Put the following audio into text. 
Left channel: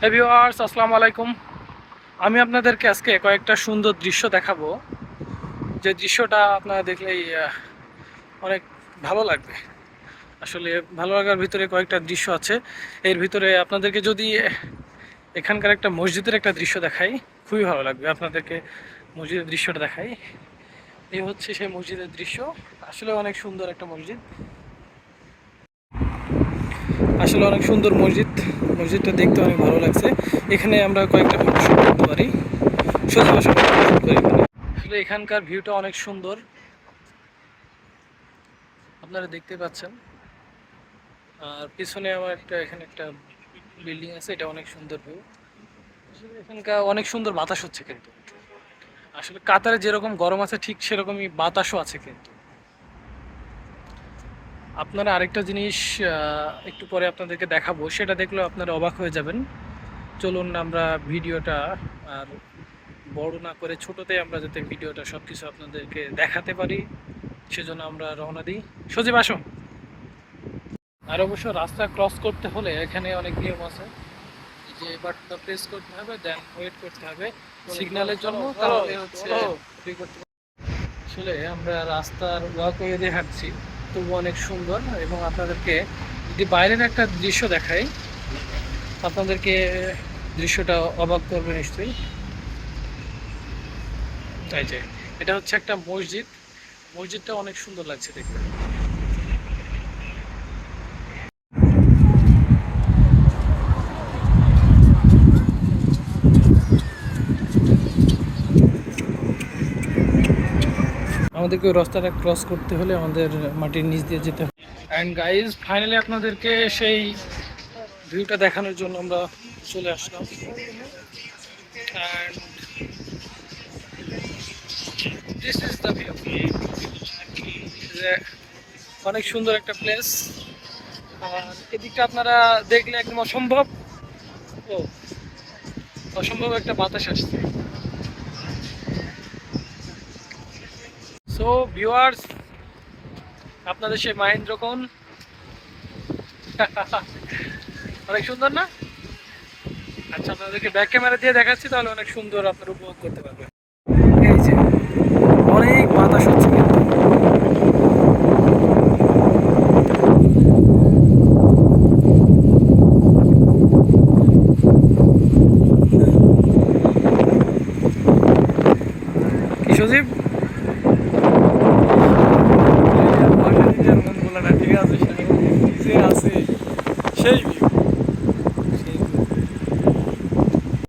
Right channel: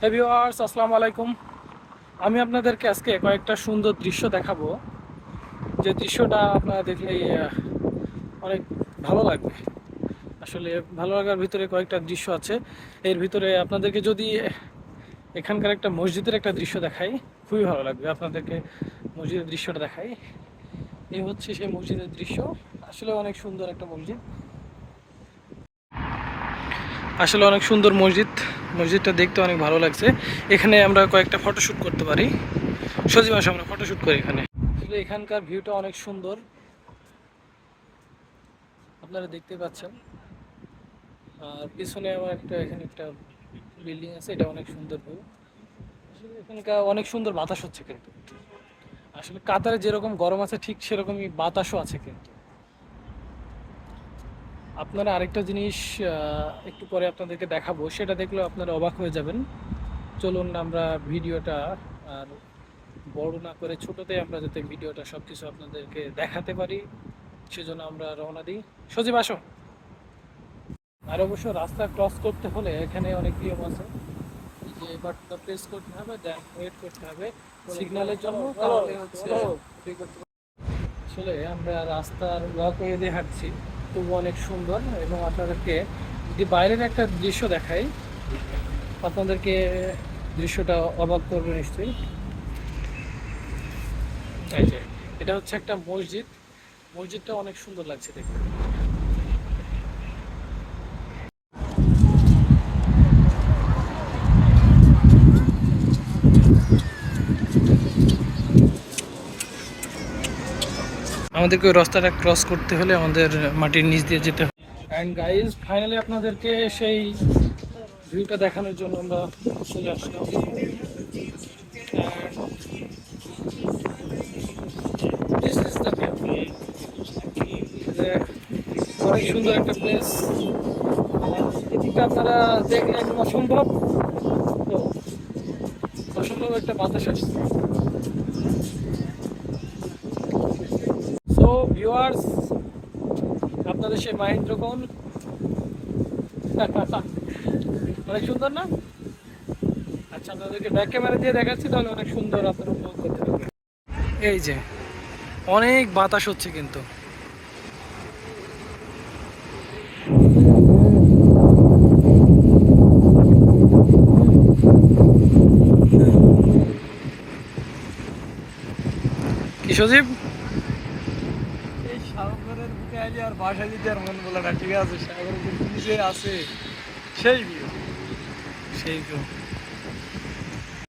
হে viewers আসসালামু আলাইকুম। আমি আপনাদেরকে আজকে কয়েকটা সুন্দর দৃশ্য দেখাবো। যে দৃশ্যটা আপনারা দেখলেই অনেক ভালো লাগবে। আসলে ভালো লাগার ভিতরে কয়েকটা দৃশ্য আছে। এর ভিতরে আপনাদেরকে যদি এখানকার একটা মসজিদের একটা দৃশ্য দেখাই, খুবই ভালো লাগবে আপনাদেরকে মসজিদের দৃশ্যটা দেখাই। এই হচ্ছে সেই মসজিদের দৃশ্য। আসলে অনেক সুন্দর একটা মসজিদ। আসলে অনেক সুন্দর মসজিদ। মসজিদটা দেখতে অনেক ভালো লাগছে। এখানে আমরা কয়েকটা ফটোশ্যুট করতে পারি। সত্যি ফটোশ্যুট করি এখানে। আসলে এখানকার ভিউটা অনেক সুন্দর। আপনারা দেখতে পাচ্ছেন। আর পিছনে আমার একটা, এখানে একটা বিল্ডিং আছে, এটা অনেক সুন্দর ভিউ আসলে এখানকার অনেক সুন্দর বাতাস হচ্ছে কিন্তু। আসলে কাতারে যেরকম গরম আছে, ঠিক সেরকমই বাতাসও আছে কিন্তু। আপনারা আরেকটা জিনিস একটু পরে আপনাদেরকে দেখাবো। সেটা দেখলেও আপনারা অবাক হয়ে যাবেন। চলুন আমরা ভিডিওটা আর বড় না করে ছোটতে আমরা যাতে ভিডিওটা সব কিছু আপনাদেরকে দেখাতে পারি সেজন্য আমরা রওনা দিই। সজীব আসো। আর অবশ্য রাস্তা ক্রস করতে হলে এখানে অনেক নিয়ম আছে। এই যে বাটনটা প্রেস করতে হবে দেন ওয়েট করতে হবে। সিগন্যালের জন্য তাহলে হচ্ছে। আসলে আমরা রাস্তার ওয়াকওয়ে দিয়ে হাঁটছি। তবু অনেক সুন্দর এবং আপনাদেরকে যদি বাইরের একটা দৃশ্য দেখাই, আপনাদেরকে দৃশ্যটা অবাক করবে নিশ্চয়ই। তাই যে, এটা হচ্ছে একটা মসজিদ। মসজিদটা অনেক সুন্দর লাগছে দেখতে। আমাদেরকে ওই রাস্তাটা ক্রস করতে হলে আমাদের মাটির নিচ দিয়ে যেতে হবে। অ্যান্ড গাইজ ফাইনালি আপনাদেরকে সেই ভিউটা দেখানোর জন্য আমরা চলে আসলাম. অনেক সুন্দর একটা প্লেস এদিকটা আপনারা দেখলে একদম অসম্ভব। অসম্ভব একটা বাতাস আসছে। সো ভিউয়ার্স আপনাদের সেই মাহেন্দ্র কোন? অনেক সুন্দর না? আচ্ছা আপনাদেরকে ব্যাক ক্যামেরা দিয়ে দেখাচ্ছি, তাহলে অনেক সুন্দর আপনারা উপভোগ করতে পারবেন। এই যে, অনেক বাতাস হচ্ছে কিন্তু। সজীব? মন বলা ঠিক আছে সে আছে সেই view।